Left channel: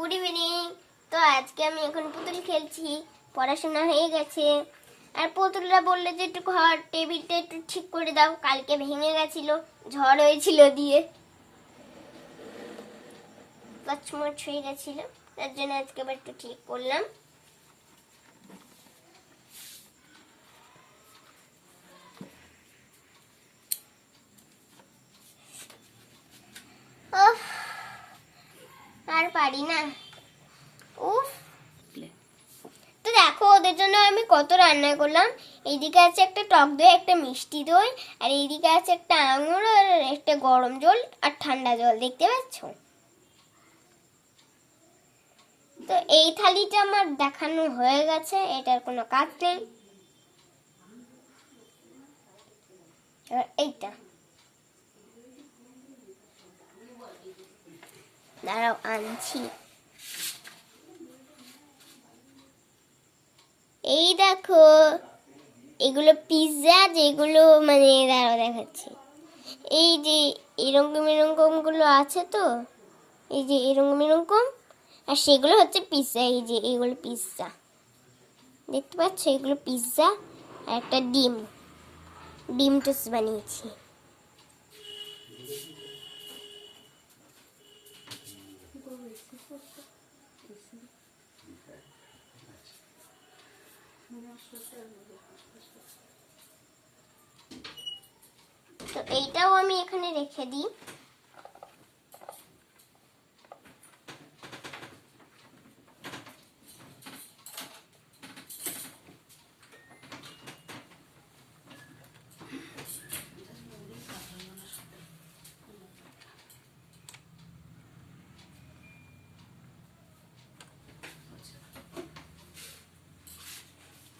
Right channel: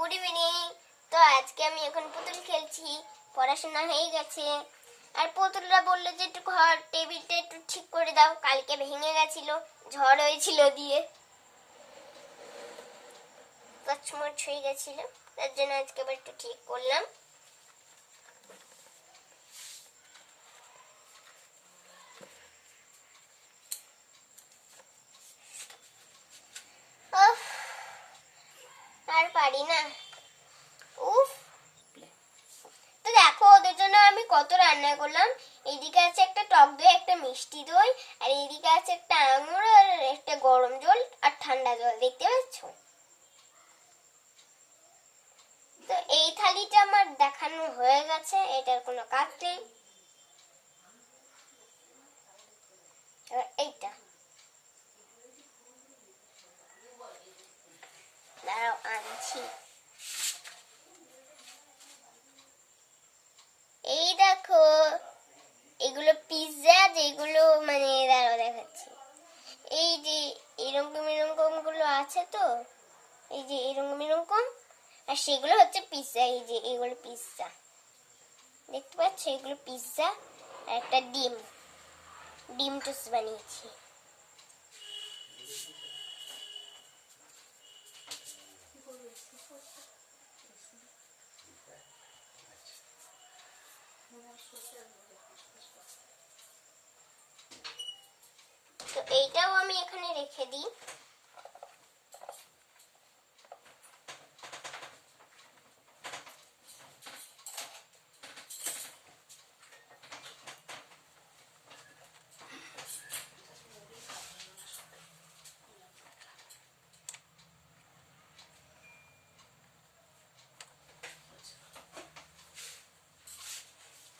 Good evening. তো আজকে আমি এখন পুতুল খেলছি, পড়াশোনা হয়ে গেছে। আর পুতুলরা বললো যে একটু ঘর টেবিলটা একটু ঠিক করে দাও, কালকে ভেঙে গেছিল, ঝড় হয়েছিল দিয়ে কচমচ হয়ে গেছিল, তার জন্য আজকে আবার একটু ঠিক করলাম। আর পারি না, উফ। তো দেখো ওদের জন্য আমি কত রান্না করলাম। এইদিকে আছে একটা টক দই, একটা মিষ্টি দই, আর এইদিকে আছে একটা আঙুর, আর একটা গরম জল আর ঠান্ডা জল, দেখতে পাচ্ছ? তো এই থালিটা আমার দেখানো হয়ে গেছে, এটার কোনো কাজ নেই। এইটা দাঁড়াও আনছি। এই দেখো, এগুলো পিৎজা, যেগুলো মানে দাঁড়াও দেখাচ্ছি। এই যে এরকম এরকম গুলো আছে, তো এই যে এরকম এরকম, আর সেগুলো হচ্ছে পিৎজা। এই যে এগুলো পিৎজা, দেখতে পাচ্ছ? এগুলো পিৎজা। আর একটা ডিম টোস্ট বানিয়েছি। তো এইটাও আমি এখানে রেখে দিই।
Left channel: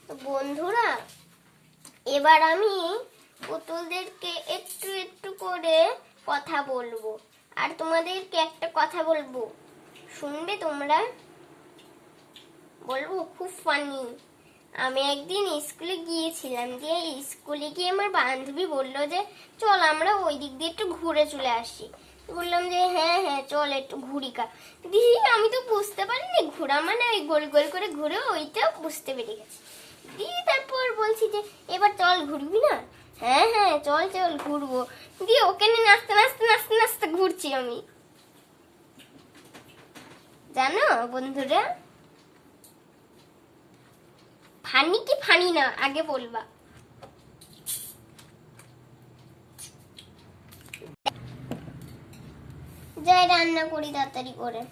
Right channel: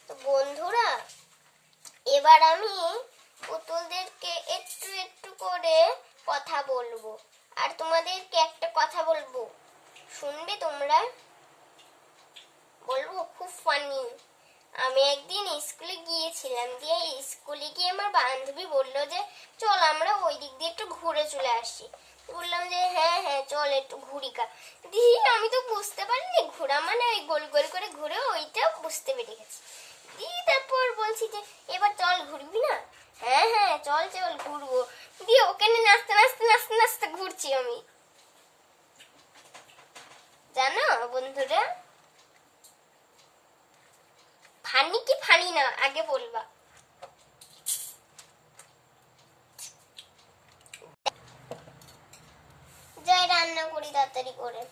তো বন্ধুরা, এবার আমি পুতুলদেরকে একটু একটু করে কথা বলবো, আর তোমাদেরকে একটা কথা বলবো, শুনবে তোমরা? বলবো, খুব ফানি। আমি একদিন স্কুলে গিয়েছিলাম, দিয়ে স্কুলে গিয়ে আমার বান্ধবী বললো যে চল আমরা ওই দিক দিয়ে একটু ঘুরে চলে আসি। বললাম যে হ্যাঁ হ্যাঁ চল একটু ঘুরি কা। দিয়ে আমি তো বুঝতে পারিনি ঘোরা মানে ওই গোল গোল করে ঘুরে, ওইটাও বুঝতে পেরে গেছি। দিয়ে তারপর বলছি যে এবার চল ঘুরবি না? হ্যাঁ হ্যাঁ চল চল ঘুরবো। দিয়ে ওখানে নাচতে নাচতে নাচতে নাচতে ঘুরছি আমি, জানো বন্ধুরা? ফানি কি ফানি না আগে বলবা। যাই রান্না করি তাড়াতাড়ি করে।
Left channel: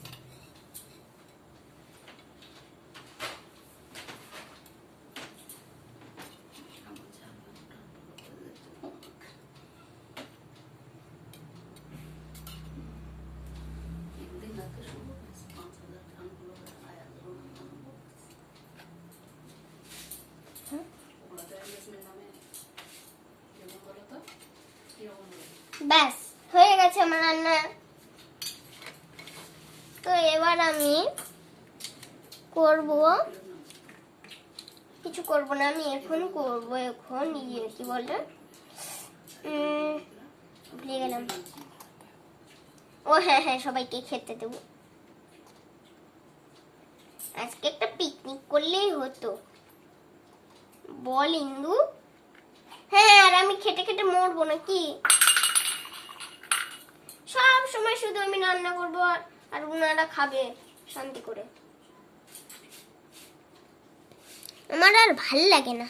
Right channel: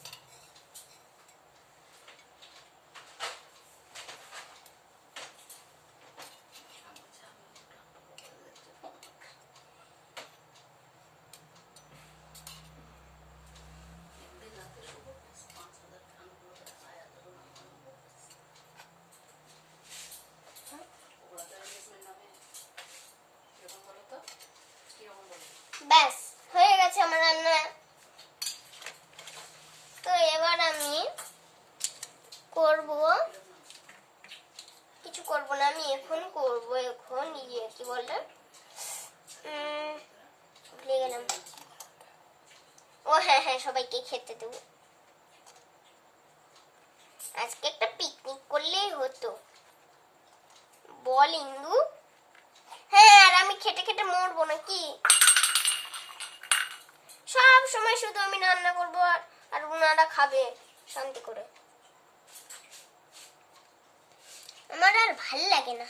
ব্যাস হয়ে গেছে আমার রান্না। তো এবার আমি করব, কিছু করব না, আমি এখন করব, এখন কি বলে ভুলে গেলাম। ও হ্যাঁ হ্যাঁ, সবাইকে খেতে দেবো। আজকে একটা পিকনিক করলেই হতো, বল ইন্দু? হ্যাঁ, আর আমি খেটে খেটে মরবো নাকি? সব সময় শুধু আমি রান্না করবো আর ওনারা খাবে শান্তি করে। আমার আর ভাল লাগে না।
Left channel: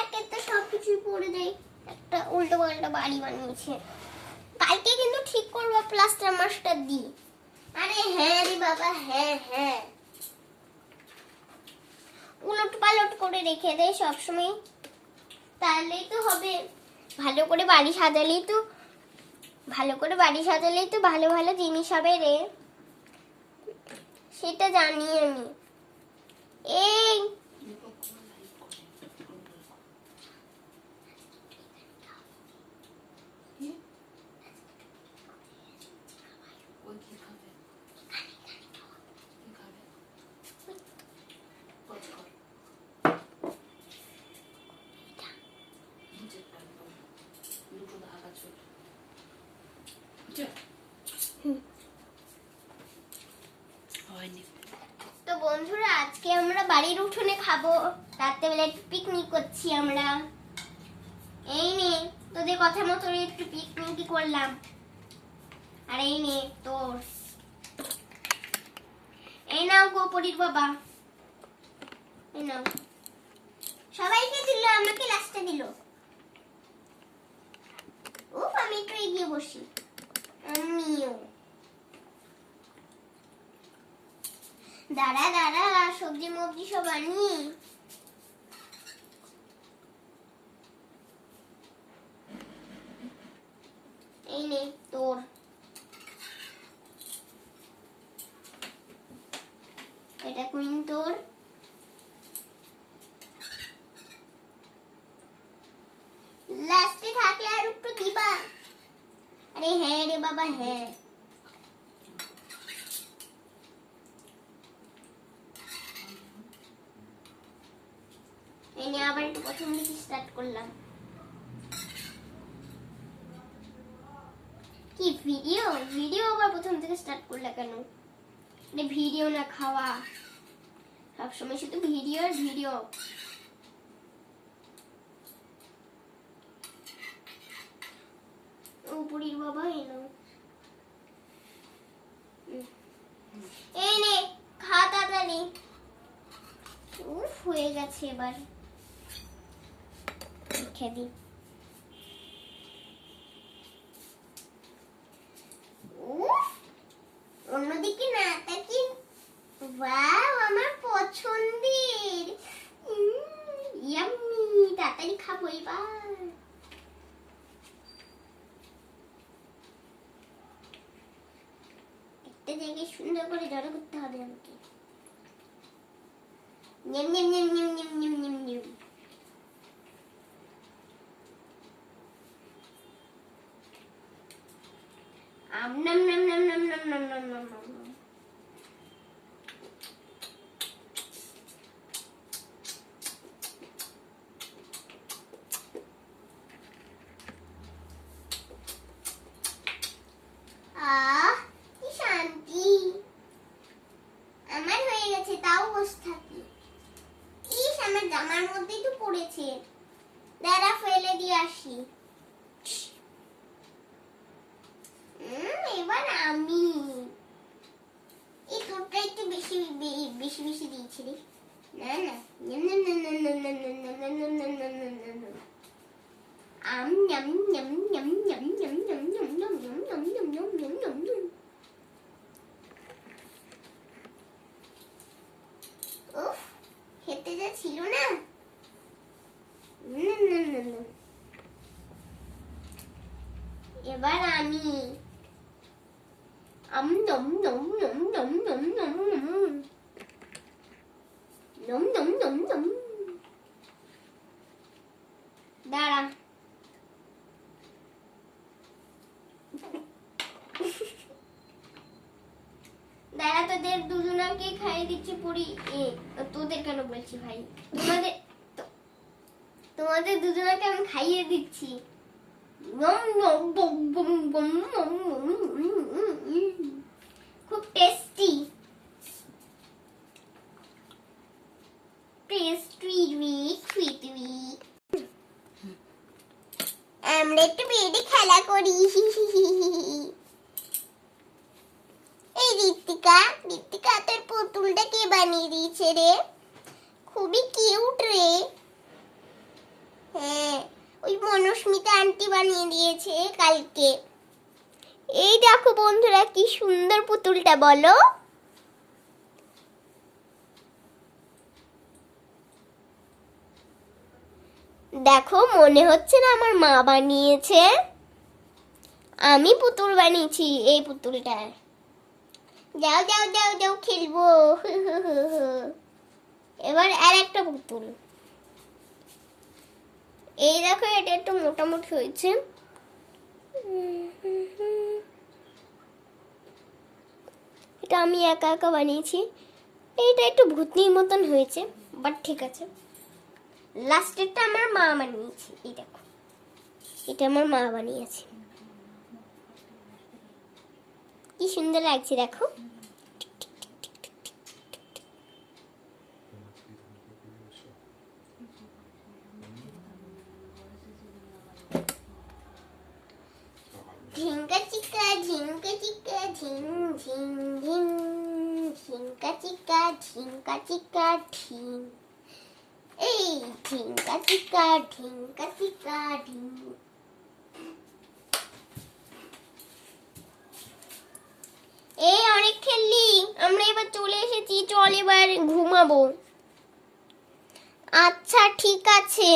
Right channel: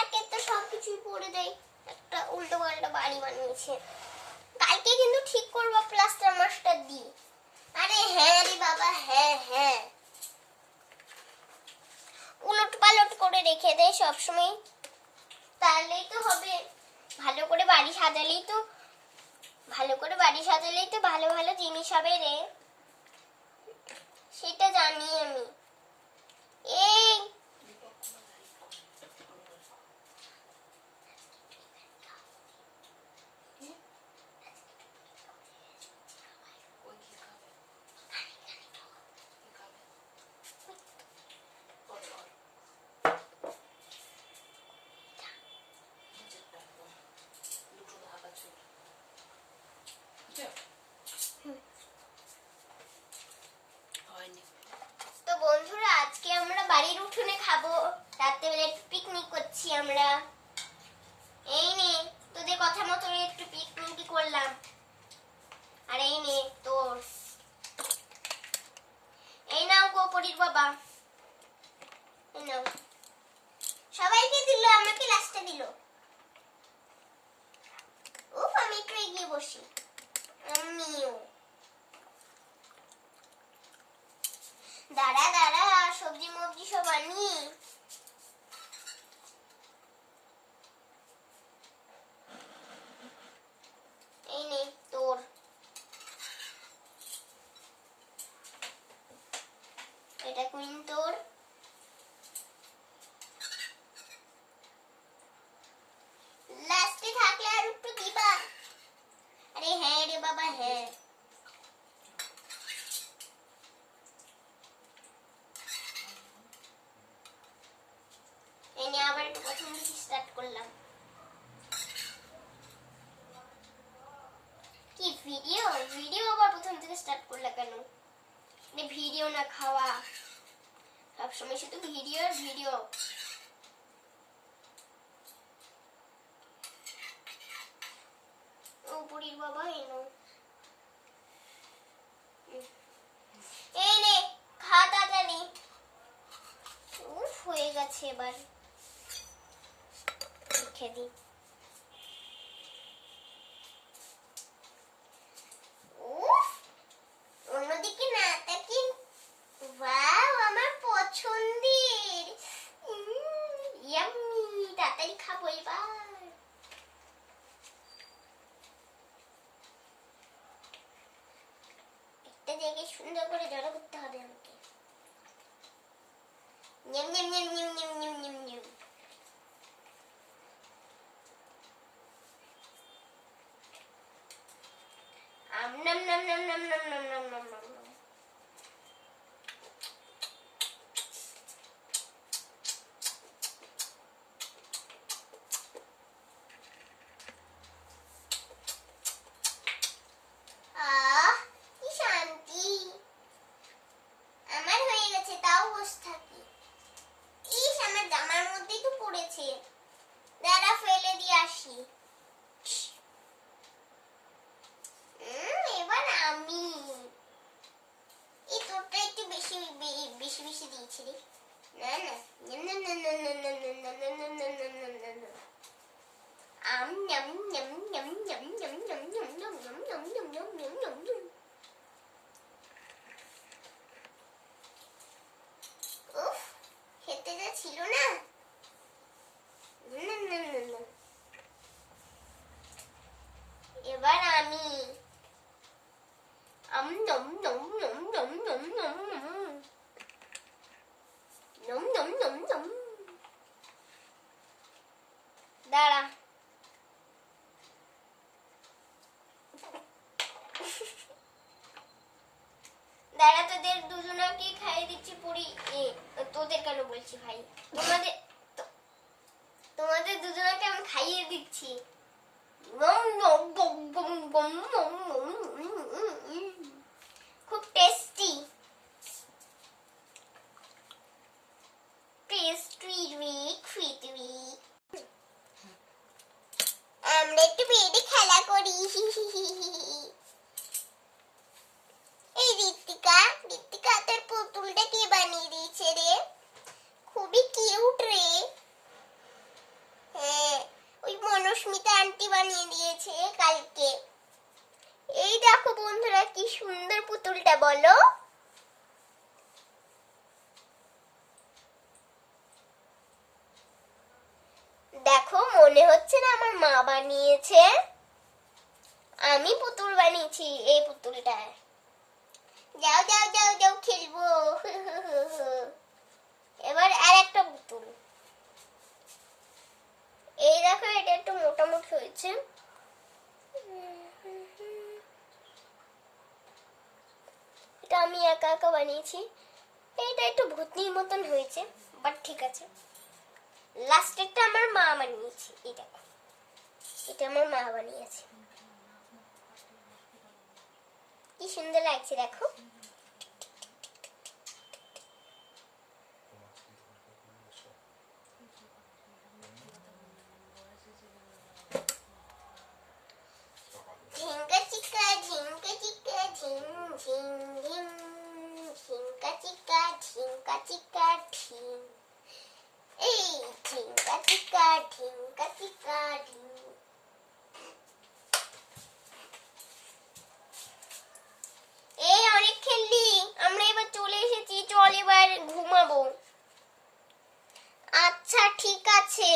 একে তো সবকিছুই পড়ে দেয়, একটা উল্টো পাল্টা বাড়ি বানিয়েছে। কালকে কিন্তু ঠিক করবো প্লাস্টার মাস্টার দি। আরে হ্যাঁ রে বাবা, হ্যাঁ হ্যাঁ, উলট পালট করে রেখে দেয় সবসময়, তাহলেই তো হবে। ভালো করে বাড়ি সাজালেই তো ভালো ভালো জিনিস হবে রে, সেটা জানি আমি। এই বাড়ির উঠোনে খাবো, রাত্রেবেলা একটু পিকনিক করছি আমরা। এই নে তোদের কথা মতো একটু পিকনিকই করলাম। আর এই নে তোর, এই নাও গো পরির বাবা, এই নাও। সবাইকে দিল, আমাকে লাস্টে দিল। উফ, আমি একটু এগিয়ে বসি। আমিও দাঁড়া দাঁড়া, সবজি মবজি সব আনি। এই নে তোর, এটা কুইন তোর। লাস্টে থাকলে আর একটু দিবা। আরে হ্যাঁ রে বাবা, হ্যাঁ। এনে আবার একটু প্রথম থেকে স্টার্ট করলাম। কি ভিডিও ভিডিও আবার প্রথম থেকে স্টার্ট করলা কেন? ভিডিও না খাওয়া, সবসময় শুধু ভিডিও আর ভিডিও। ও বুড়ির বাবা, এই নে খা তাড়াতাড়ি। উফ, হয়ে গেছে, এবার খেয়ে দি। উফ, অন্যদিকে না তাকি। ওয়াও, আমার পছন্দের। ইয়াম্মি, তাড়াতাড়ি খাবো এবার। একটা জায়গায় সুন্দর করে জড়ো করতে হবে আমাকে। নিম নিম নিম নিম নিম নিম নিম নিম। আম নাম নাম নাম নাম নাম নাম নাম নাম নাম। আহ, কি শান্তি। আমার হয়ে গেছে, তাও বসে থাকি। ইস, আমার জামার মধ্যেই তো পড়েছে। দাঁড়া, ফেলে দিয়ে আসি। এবার আমি। এই তোরটা একটু বেশি বেশি বেশি দিয়েছি রে। না না, আম নাম নাম নাম নাম নাম নাম নাম নাম নাম নাম নাম নাম নাম নাম নাম। উফ, খেতে যা ছিল না। এবার আমি। আম নম নম নম নম নম নম নম নম নম নম নম। দাঁড়া, দাঁড়া, তোদের দুজনকে খাইয়ে দিচ্ছি পুরি। তোদের কেন বলছি ভাই, তোমাদের দুজনকে আমি খাইয়ে দিচ্ছি। খুব টেস্টি টেস্টি খুইতুই। আমরা একটু বেডে খেলা করি। এই ঋত্বিকা, ঋত্বিকা তোর পুতুলটা কে বানিয়ে দিয়েছে রে? খুবই কিউট রে। হ্যাঁ, ওই মনস্মিতা আন্টি বানিয়ে দিয়েছে কালকে। এই দেখো বন্ধুরা, কি সুন্দর পুতুলটা, বলো। দেখো, মনে হচ্ছে না আমার মা বানিয়েছে? আমি পুতুল বানিয়েছি এই পুতুলটার। যাও যাও যাও যাও, খেলবো। এবার আর একটা পুতুল। এই দেখো, এটা একটু মোটামুটি হয়েছে। এটা আমি একা একা বানিয়েছি। এইটা একটু ভূতনির মতন হয়েছে, বাট ঠিক আছে। লাস্টেরটা আমার মা বানিয়েছে। এই দেখো, এটা আমার মা বানিয়েছে। কি সুন্দর লাগছে দেখো। ঝিং ঝিং ঝিঙ্কা চিকা ঝিঙ্কা চিকা ঢিং, এই ঝিঙ্কা চিকা ঝিঙ্কা চিকা ঢিং। এই অনেক খেললি, আমরা এবার চলে এসেছি, চল এবার ঘুমাবো। আচ্ছা ঠিক আছে।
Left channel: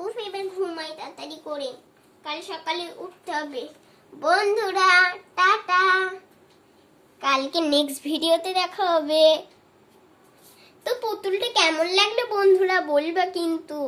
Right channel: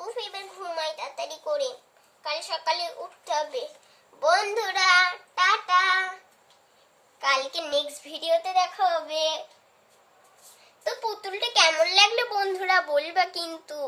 উফ, এবার ঘুমাই তাড়াতাড়ি করে, কাল সকালে উঠতে হবে। বন্ধুরা টাটা, কালকে নেক্সট ভিডিওতে দেখা হবে। তো পুতুলটা কেমন লাগলো বন্ধুরা বলবা কিন্তু।